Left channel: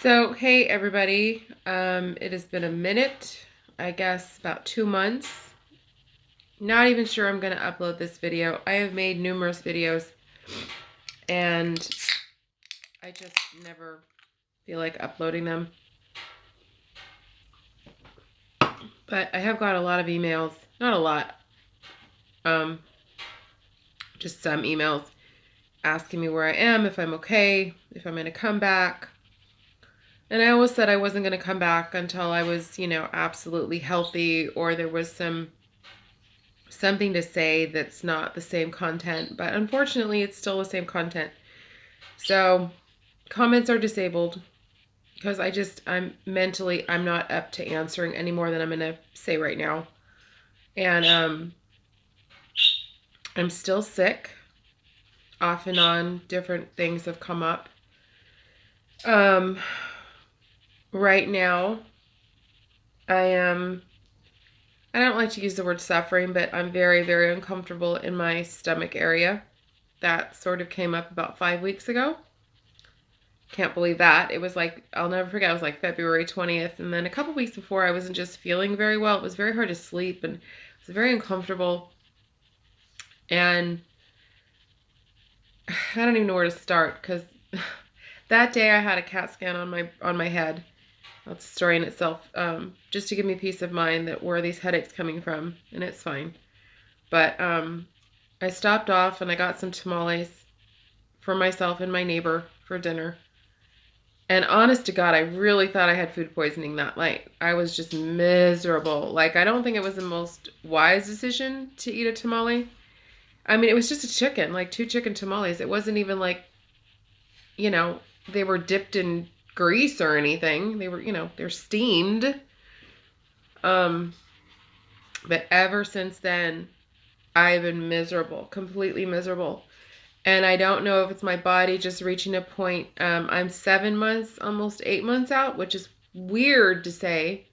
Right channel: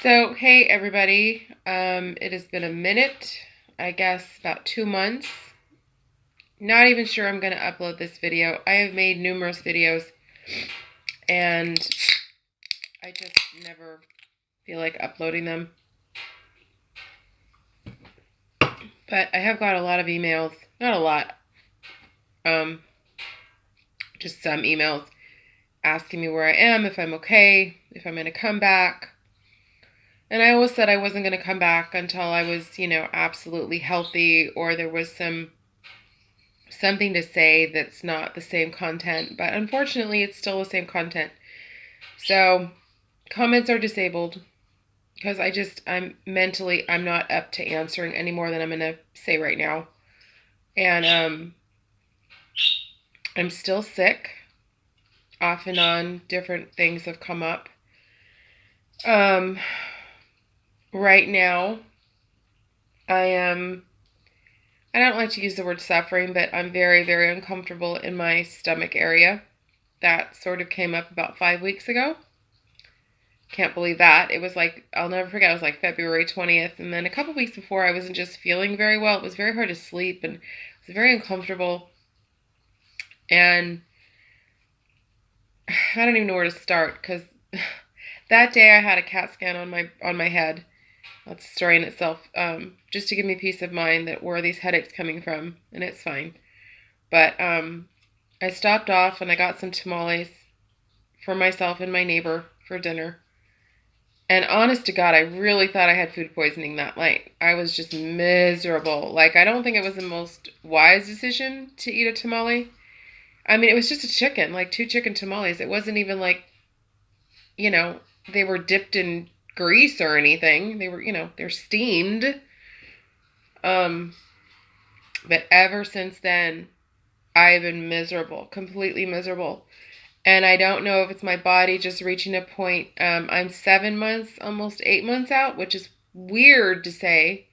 So, hey everybody. It has been a minute, I guess about 2 months. Not even sure I'm going to upload this video. I have made numerous videos and I just never feel like uploading them. But I have got a lot of emails, not a lot, um, just some emails asking me where I am, if I'm okay, if I'm going to come back. And I always said I wasn't going to come back until I was, absolutely healthy or there was something to say that's not the same content, but unfortunately it's still the same content. So comments are disabled because I'm not up to answering any more than I'm going to say right now. And I'm still sick. Off and on, different things have come up. Um, right now, I don't like to use the word suffering, but I'm very, very uncomfortable in my stomach area. That sort of came up about 5 weeks ago. Can't believe that. It was like, I'll never forget, it was like February 20th. And then a couple weeks before, I wasn't just feeling very well. It was very hard to sleep and it was very uncomfortable. And I don't even know where to start because that day I had a CAT scan on my head. That's a story in itself. Just to give me peace of mind that where are these headaches coming from, and it's fine. But I stopped off and I got some tamales for myself and my neighbor for dinner. And honest to God, I really thought I had food poisoning that night. I was just miserable. Like, I don't think it was the most wise decision to eat a tamale. I mean, it was just a chicken, like two chicken tamales. It wasn't even like, you know, they were dipped in grease or anything. They were, they're steamed. Um, but ever since then, I've been miserable, completely miserable. And I don't know if it's my body just reaching a point. I'm 7 months, almost 8 months out, which is weird to say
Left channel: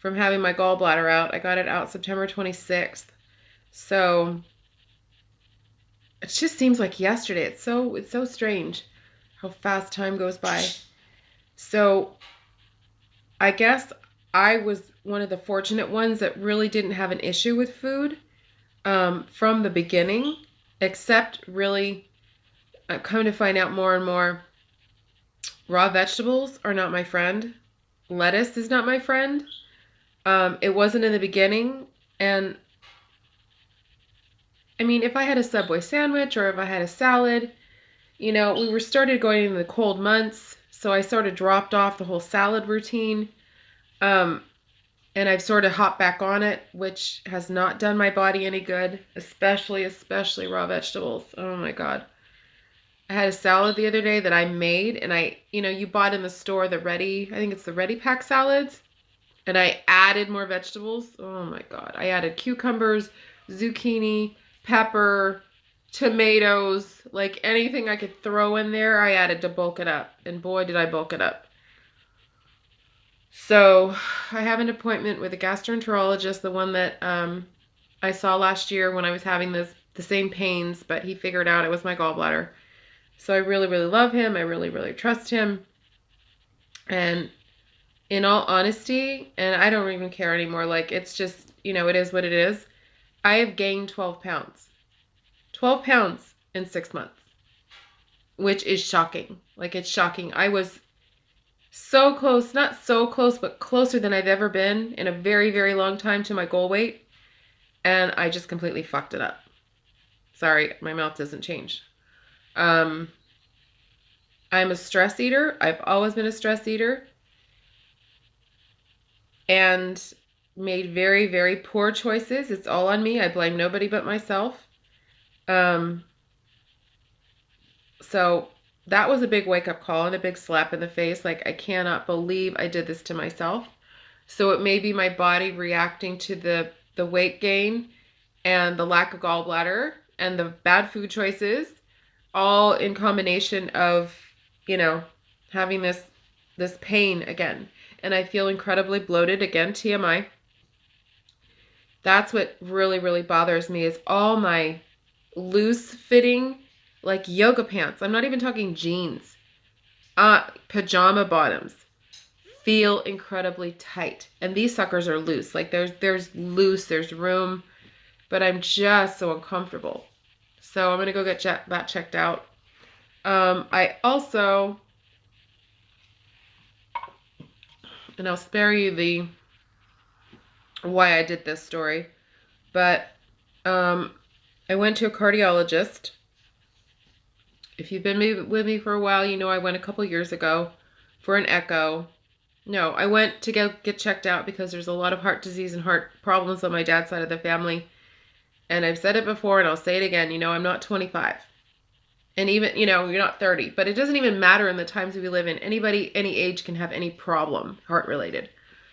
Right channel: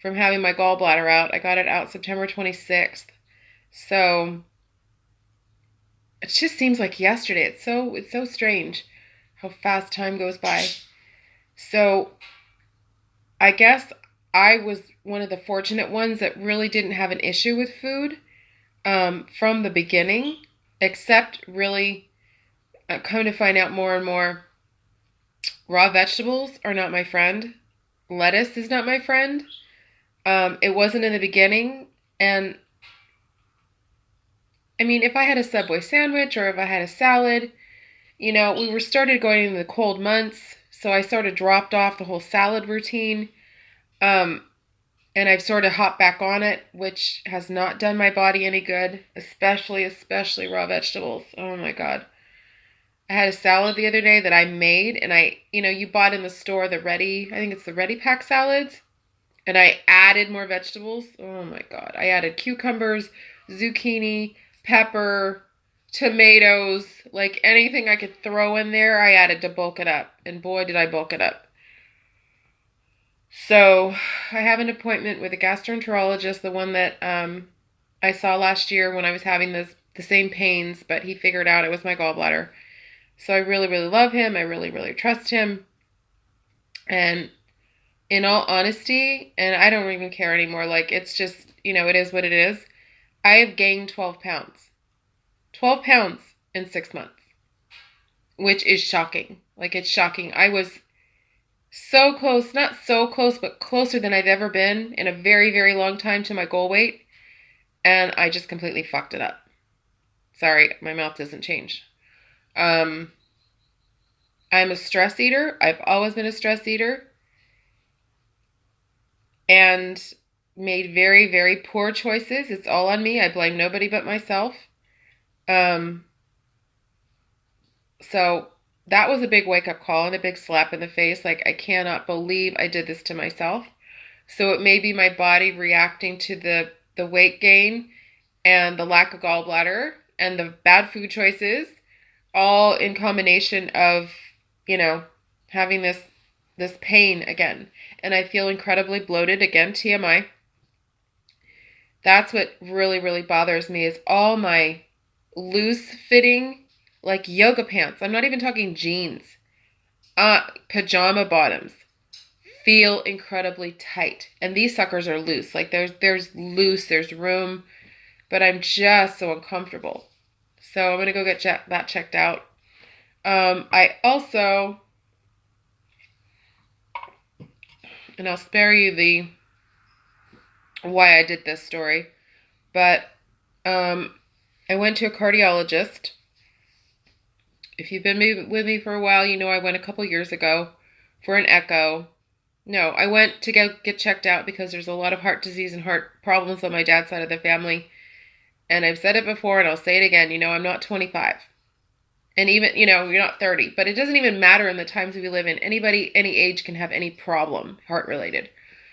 from having my gallbladder out. I got it out September 26th. So it just seems like yesterday. It's so strange how fast time goes by. So I guess I was one of the fortunate ones that really didn't have an issue with food from the beginning, except really I'm coming to find out more and more raw vegetables are not my friend. Lettuce is not my friend. It wasn't in the beginning. And I mean, if I had a Subway sandwich or if I had a salad, we were started going in the cold months. So I sort of dropped off the whole salad routine. Um, and I've sort of hopped back on it, which has not done my body any good, especially raw vegetables. Oh my God. I had a salad the other day that I made, and you bought in the store I think it's the Ready Pack salads, and I added more vegetables. Oh my God. I added cucumbers, zucchini, pepper, tomatoes, like anything I could throw in there, I added to bulk it up. And boy, did I bulk it up. So I have an appointment with a gastroenterologist, the one that I saw last year when I was having the same pains, but he figured out it was my gallbladder. So I really, really love him. I really, really trust him. And in all honesty, and I don't even care anymore, like it's just, it is what it is. I have gained 12 pounds. 12 pounds in 6 months, which is shocking. Like it's shocking. I was so close, not so close, but closer than I've ever been in a very, very long time to my goal weight. And I just completely fucked it up. Sorry, my mouth doesn't change. Um, I'm a stress eater. I've always been a stress eater and made very, very poor choices. It's all on me. I blame nobody but myself. Um, so that was a big wake up call and a big slap in the face. Like, I cannot believe I did this to myself. So it may be my body reacting to the weight gain and the lack of gallbladder and the bad food choices, all in combination of, you know, having this pain again. And I feel incredibly bloated again, TMI. That's what really, really bothers me is all my loose fitting, like yoga pants. I'm not even talking jeans. Pajama bottoms feel incredibly tight. And these suckers are loose. Like there's loose, there's room, but I'm just so uncomfortable. So I'm going to go get that checked out. I also, and I'll spare you the why I did this story, but I went to a cardiologist. If you've been with me for a while, you know I went a couple years ago for an echo. No, I went to get checked out because there's a lot of heart disease and heart problems on my dad's side of the family. And I've said it before and I'll say it again, I'm not 25. And even, you're not 30. But it doesn't even matter in the times we live in. Anybody, any age can have any problem, heart-related,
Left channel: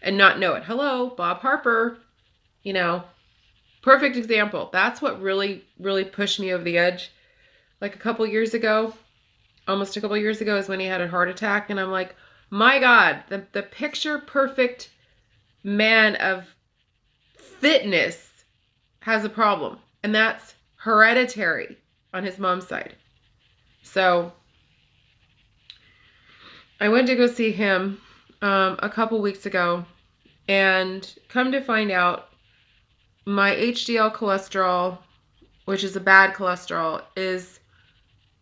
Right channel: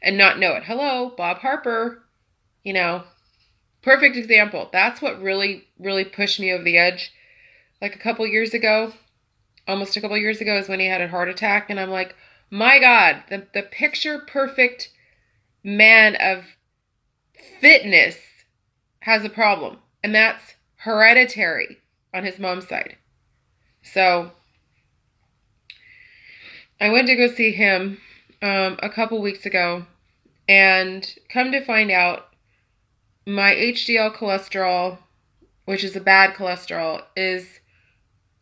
and not know it. Hello, Bob Harper, perfect example. That's what really, really pushed me over the edge. Like almost a couple years ago is when he had a heart attack. And I'm like, my God, the picture perfect man of fitness has a problem. And that's hereditary on his mom's side. So I went to go see him a couple weeks ago, and come to find out my HDL cholesterol, which is a bad cholesterol, is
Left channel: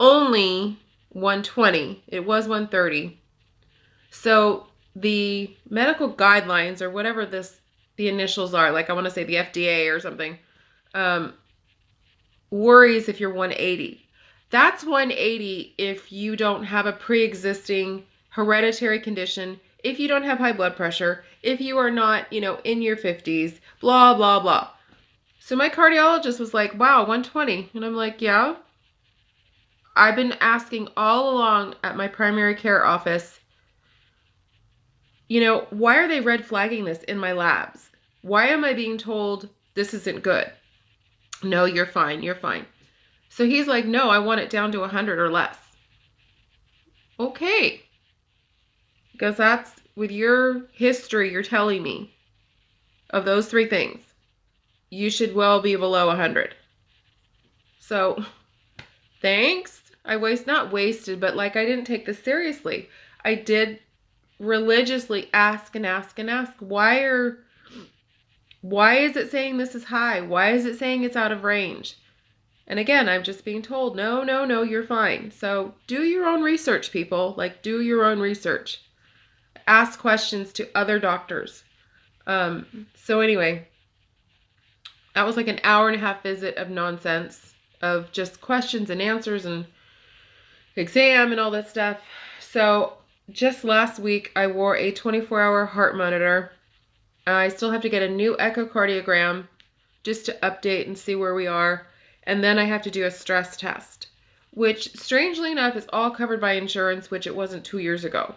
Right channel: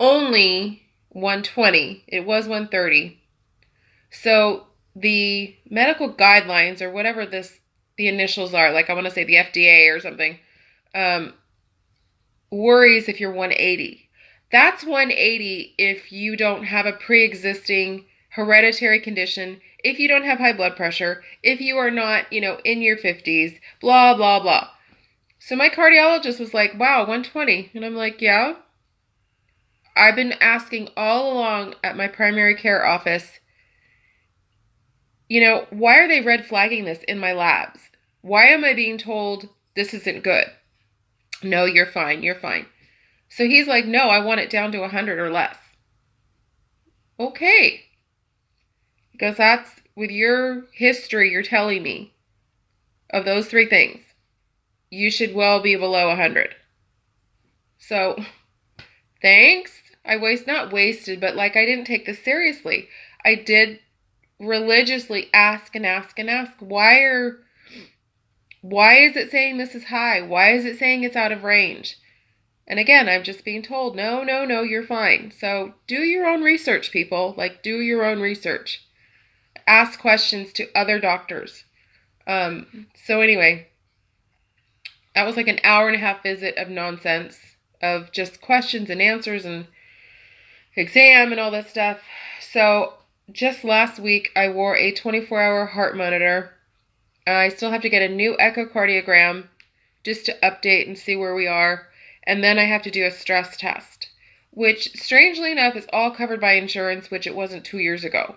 only 120. It was 130. So the medical guidelines, or whatever the initials are, like I want to say the FDA or something, worries if you're 180. That's 180 if you don't have a pre-existing hereditary condition, if you don't have high blood pressure, if you are not, in your 50s, blah, blah, blah. So my cardiologist was like, wow, 120. And I'm like, yeah. I've been asking all along at my primary care office, why are they red flagging this in my labs? Why am I being told this isn't good? No, you're fine. You're fine. So he's like, no, I want it down to 100 or less. Okay. Because that's, with your history you're telling me of those three things, you should well be below 100. So, thanks. Not wasted, but I didn't take this seriously. I did religiously ask and ask and ask, why is it saying this is high? Why is it saying it's out of range? And again, I'm just being told, no, you're fine. So do your own research, people. Do your own research. Ask questions to other doctors. So anyway, that was an hour and a half visit of nonsense, of just questions and answers and exam and all that stuff. So just last week, I wore a 24-hour heart monitor. I still have to get a new echocardiogram just to update and see where we are. And then I have to do a stress test, which strangely enough is all covered by insurance, which it wasn't 2 years ago.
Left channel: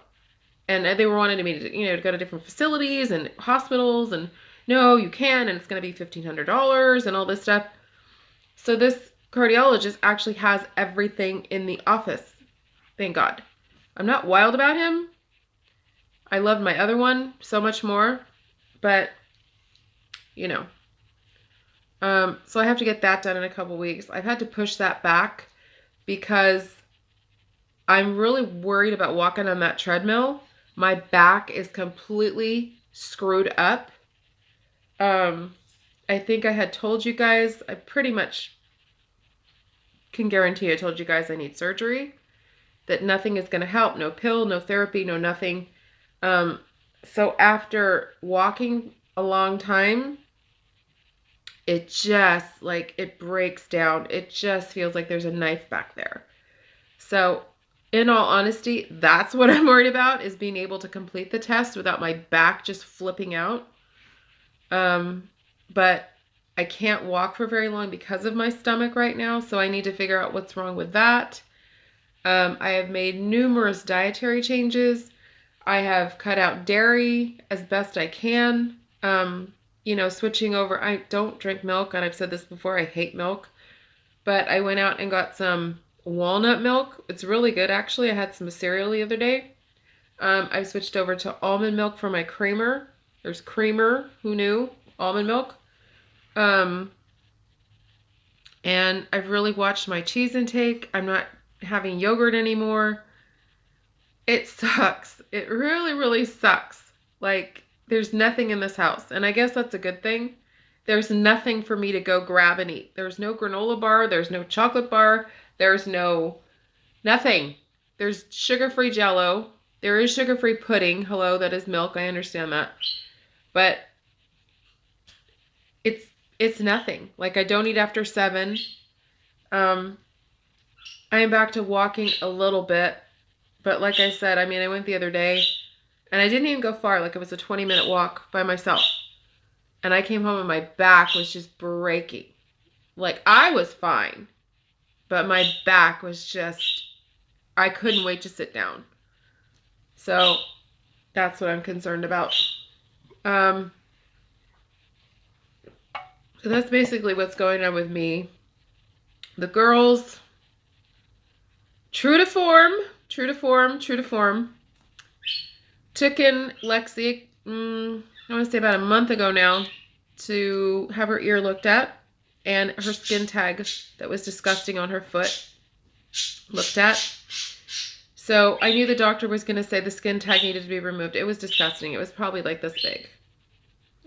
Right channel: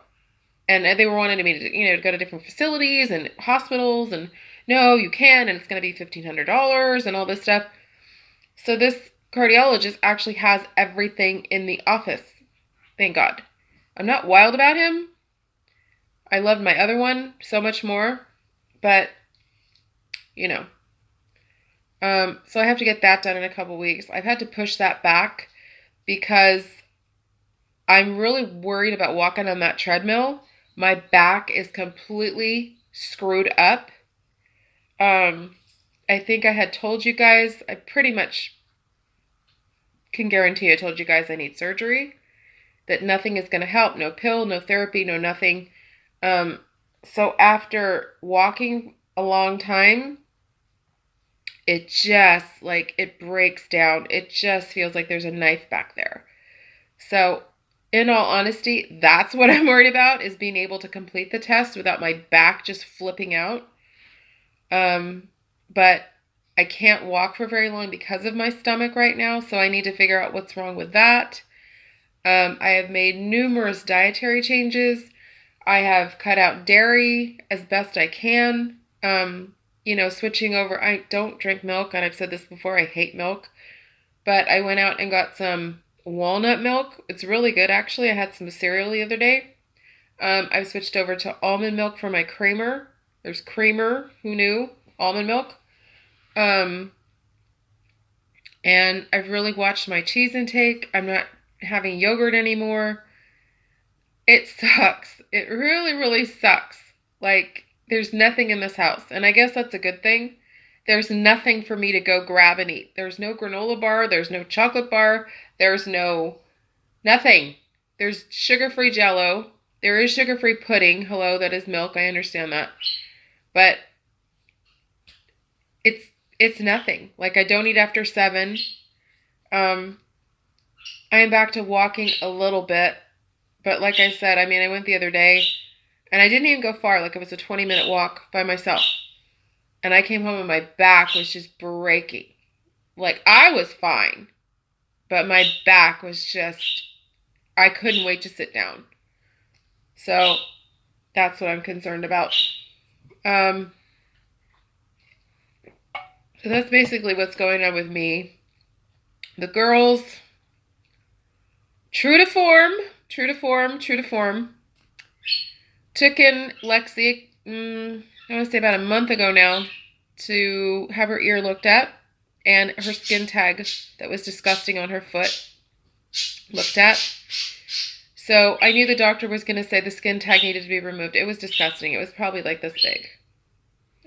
And they were wanting me to, to go to different facilities and hospitals, and no, you can, and it's going to be $1,500 and all this stuff. So this cardiologist actually has everything in the office. Thank God. I'm not wild about him. I loved my other one so much more, but so I have to get that done in a couple weeks. I've had to push that back because I'm really worried about walking on that treadmill. My back is completely screwed up. I think I had told you guys, I pretty much can guarantee I told you guys I need surgery, that nothing is going to help. No pill, no therapy, no nothing. So after walking a long time, it just, it breaks down. It just feels like there's a knife back there. So, in all honesty, that's what I'm worried about, is being able to complete the test without my back just flipping out. But I can't walk for very long because of my stomach right now, so I need to figure out what's wrong with that. I have made numerous dietary changes. I have cut out dairy as best I can. Switching over. I don't drink milk, and I've said this before, I hate milk. But I went out and got some walnut milk. It's really good, actually. I had some cereal the other day. I've switched over to almond milk for my creamer. There's creamer, who knew? Almond milk. And I've really watched my cheese intake. I'm not having yogurt anymore. It sucks. It really, really sucks. Like, there's nothing in this house. And I guess that's a good thing. There's nothing for me to go grab and eat. There's no granola bar. There's no chocolate bar. There's no nothing. There's sugar-free Jello. There is sugar-free pudding. Hello, that is milk. I understand that. But it's it's nothing. Like, I don't eat after 7. Um, I am back to walking a little bit. But like I said, I mean, I went the other day and I didn't even go far. Like, it was a 20-minute walk by myself. And I came home and my back was just breaking. Like, I was fine, but my back was just, I couldn't wait to sit down. So that's what I'm concerned about. Um, so that's basically what's going on with me. The girls, true to form, true to form, true to form. Took in Lexi, I want to say about a month ago now, to have her ear looked at and her skin tag that was disgusting on her foot looked at. So I knew the doctor was going to say the skin tag needed to be removed. It was disgusting. It was probably like this big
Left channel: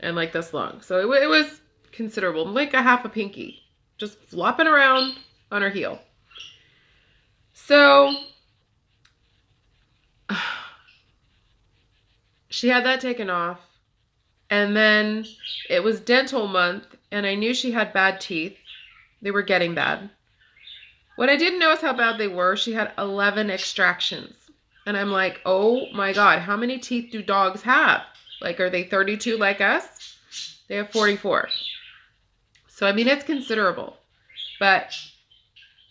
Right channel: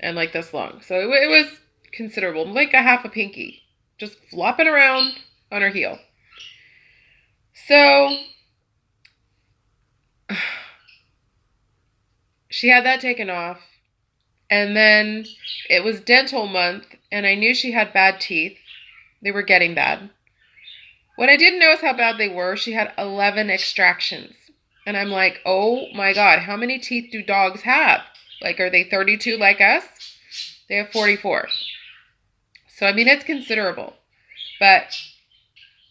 and like this long. So it was considerable, like a half a pinky, just flopping around on her heel. So she had that taken off. And then it was dental month, and I knew she had bad teeth. They were getting bad. What I didn't know is how bad they were. She had 11 extractions. And I'm like, oh my God, how many teeth do dogs have? Like, are they 32 like us? They have 44. So, I mean, it's considerable. But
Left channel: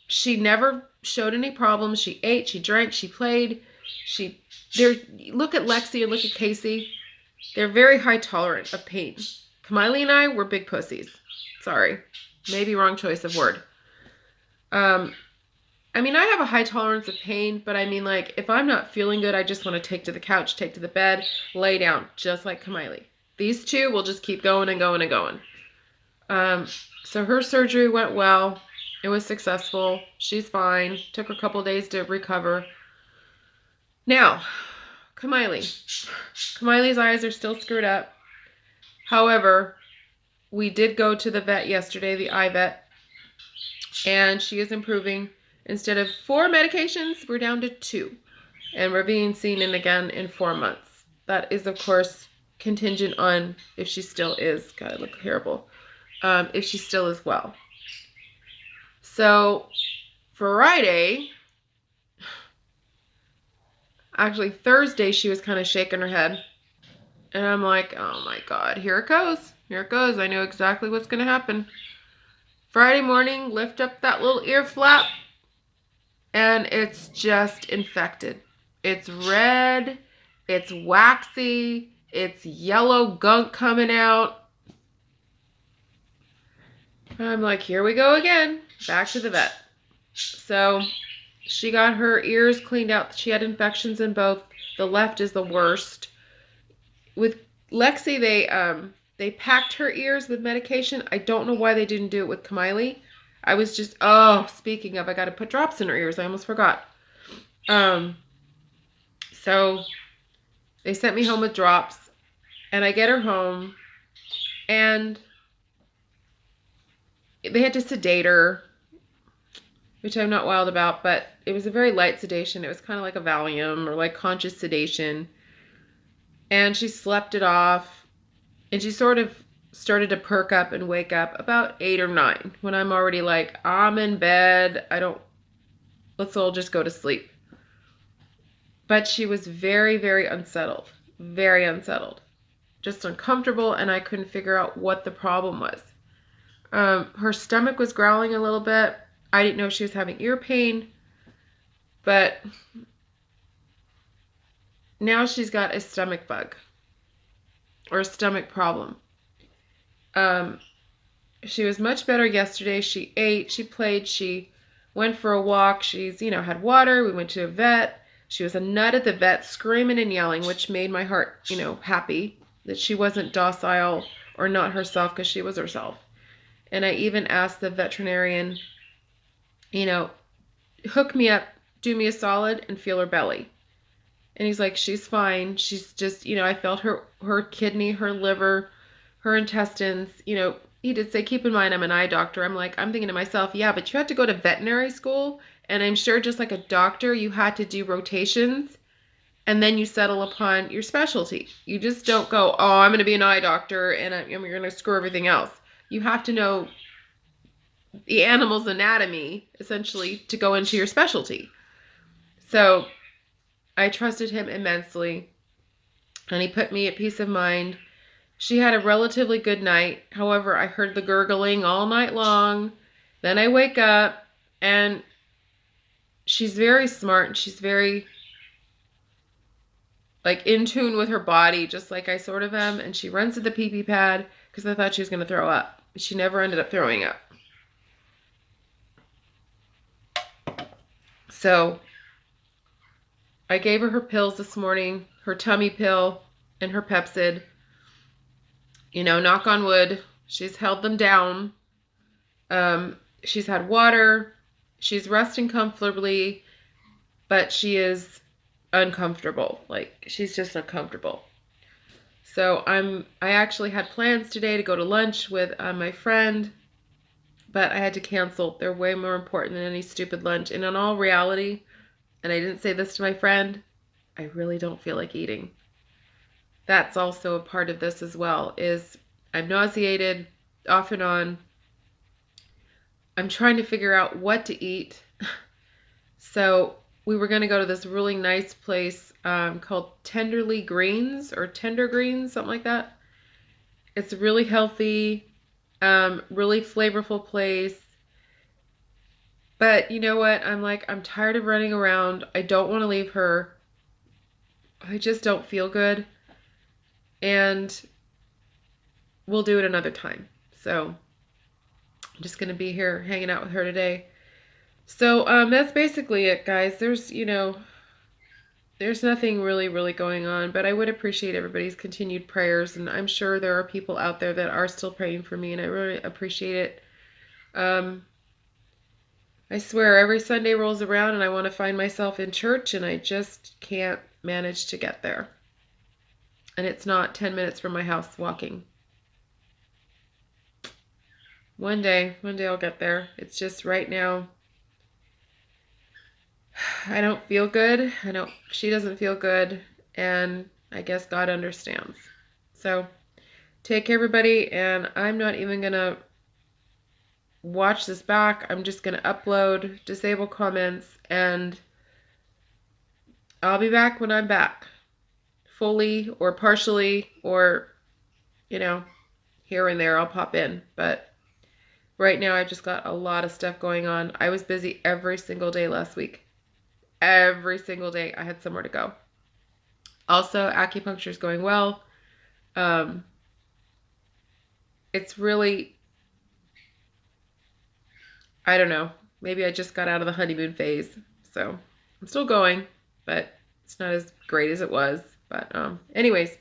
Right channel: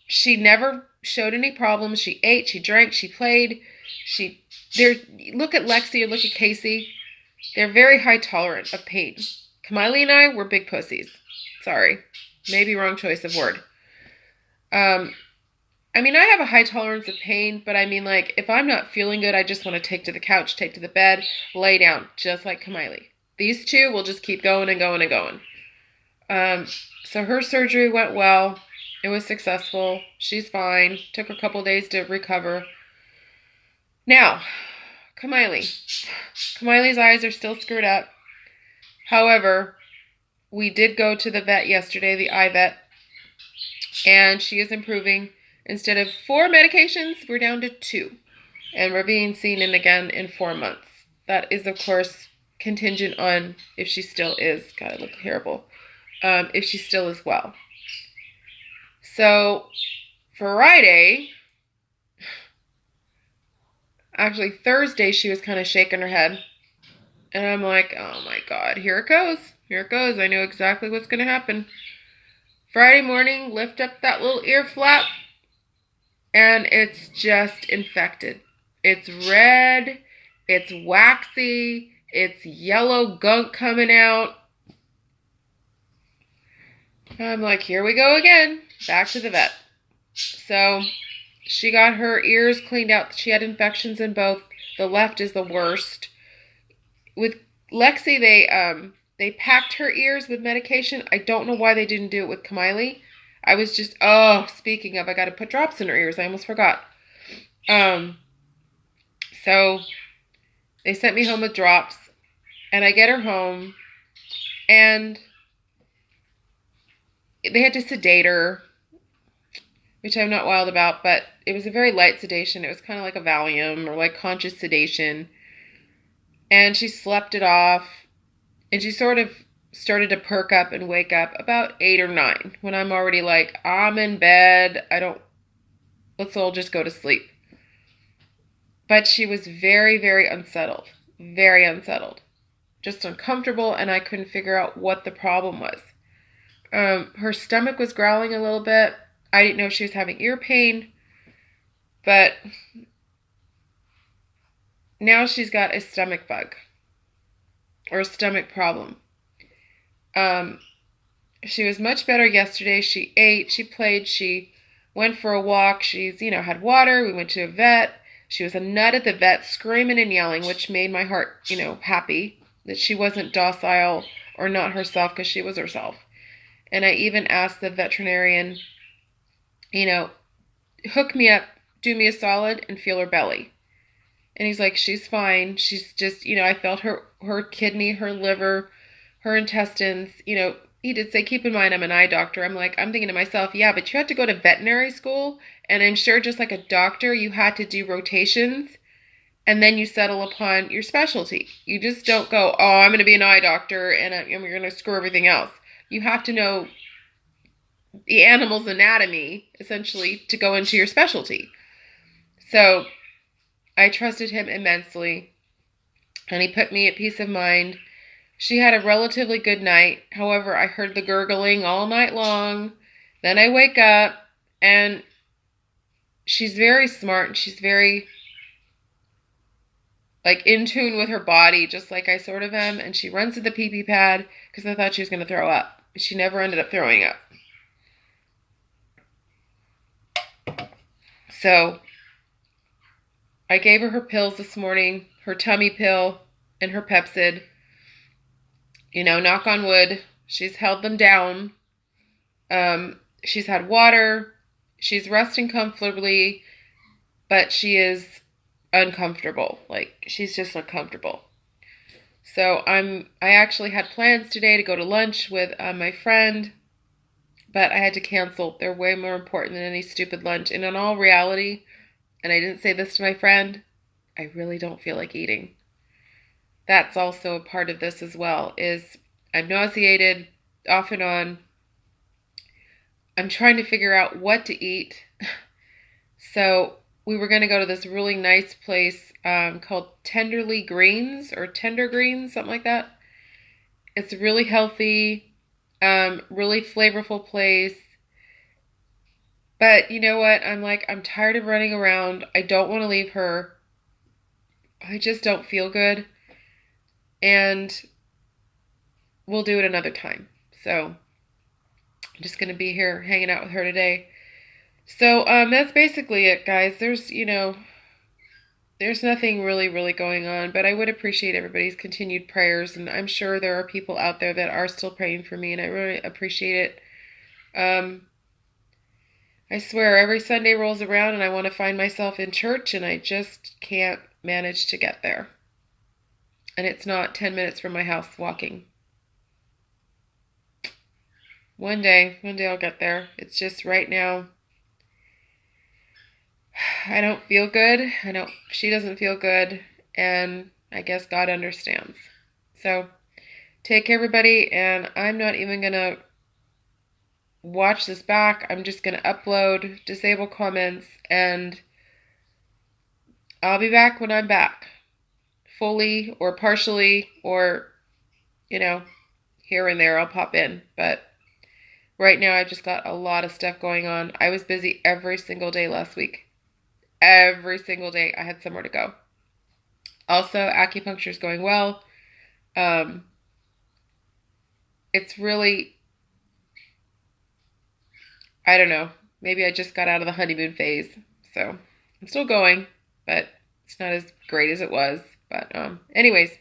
she never showed any problems. She ate, she drank, she played. Look at Lexi and look at Casey. They're very high tolerant of pain. Kamiley and I were big pussies. Sorry. Maybe wrong choice of word. I mean, I have a high tolerance of pain, but I mean, like, if I'm not feeling good, I just want to take to the couch, take to the bed, lay down, just like Kamiley. These two will just keep going and going and going. So her surgery went well. It was successful. She's fine. Took her a couple days to recover. Now, Kamiley's eyes are still screwed up. However, we did go to the vet yesterday, the eye vet, and she is improving. Instead of 4 medications, we're down to 2, and we're being seen in again in 4 months. That is, of course, contingent on if she still is. God, I look terrible. If she still is well. So, Friday, actually Thursday, she was kind of shaking her head. And I'm like, oh my God, here it goes. Here it goes. I know exactly what's going to happen. Friday morning, lift up that little ear flap, and it's just infected. It's red, it's waxy, it's yellow gunk coming out. I'm like, here we go again. Back to the vet. So she got her ears cleaned out. She had infections in both. The left is the worst. With Lexi, they packed her ears with medication. I don't know why they didn't do it with Kamiley. I was just, speaking of, I got to put drops in her ears. I almost forgot. So they sent me home with drops, and I get her home, and they had to sedate her, which I'm not wild about, but it was a very light sedation. It was kind of like a Valium or like conscious sedation. And she slept it off, and she sort of started to perk up and wake up about 8 or 9 when I'm already like, I'm in bed. Let's all just go to sleep. But she was very, very unsettled, just uncomfortable, and I couldn't figure out what the problem was. Her stomach was growling a little bit. I didn't know she was having ear pain, but now she's got a stomach bug or a stomach problem. She was much better yesterday. She ate, she played, she went for a walk. She's, had water. We went to a vet. She was a nut at the vet, screaming and yelling, which made my heart, happy that she wasn't docile or not herself, because she was herself. And I even asked the veterinarian, hook me up, do me a solid, and feel her belly. And he's like, she's fine. She's just, I felt her kidney, her liver, her intestines. He did say, keep in mind, I'm an eye doctor. I'm thinking to myself, yeah, but you had to go to veterinary school. And I'm sure just like a doctor, you had to do rotations and then you settle upon your specialty. You just don't go, oh, I'm going to be an eye doctor and we're going to screw everything else. You have to know the animal's anatomy, essentially, to go into your specialty. So I trusted him immensely, and he put me at peace of mind. She had a relatively good night. However, I heard the gurgling all night long. Then I wake up, and she's very smart, and she's very like in tune with her body, just like I sort of am. And she runs to the pee-pee pad because I thought she was going to throw up. But she never ended up throwing up. So I gave her pills this morning, her tummy pill and her Pepcid. Knock on wood, she's held them down. She's had water. She's resting comfortably, but she is uncomfortable. Like, she's just uncomfortable. So I actually had plans today to go to lunch with my friend, but I had to cancel. They're way more important than any stupid lunch. And in all reality, and I didn't say this to my friend, I really don't feel like eating. That's also a part of this as well, is I'm nauseated off and on. I'm trying to figure out what to eat. So we were going to go to this really nice place called Tenderly Greens or Tender Greens, something like that. It's really healthy, really flavorful place. But you know what? I'm tired of running around. I don't want to leave her. I just don't feel good. And we'll do it another time. So I'm just going to be here hanging out with her today. So that's basically it, guys. There's nothing really going on, but I would appreciate everybody's continued prayers, and I'm sure there are people out there that are still praying for me, and I really appreciate it. I swear every Sunday rolls around and I want to find myself in church, and I just can't manage to get there. And it's not 10 minutes from my house walking. One day I'll get there. It's just right now, I don't feel good. She doesn't feel good, and I guess God understands. So take care, everybody, and I'm not even going to watch this back. I'm just going to upload, disable comments, and I'll be back when I'm back. Fully or partially or, here and there I'll pop in. But right now I've just got a lot of stuff going on. I was busy every single day last week. Every single day I had somewhere to go. Also, acupuncture is going well. It's really, I don't know. Maybe I just got out of the honeymoon phase. So I'm still going, but it's not as great as it was. But anyways,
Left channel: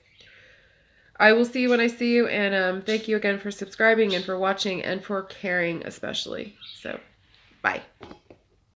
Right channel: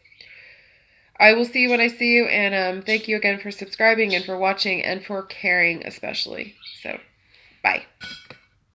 I will see you when I see you. And thank you again for subscribing and for watching and for caring especially. So bye.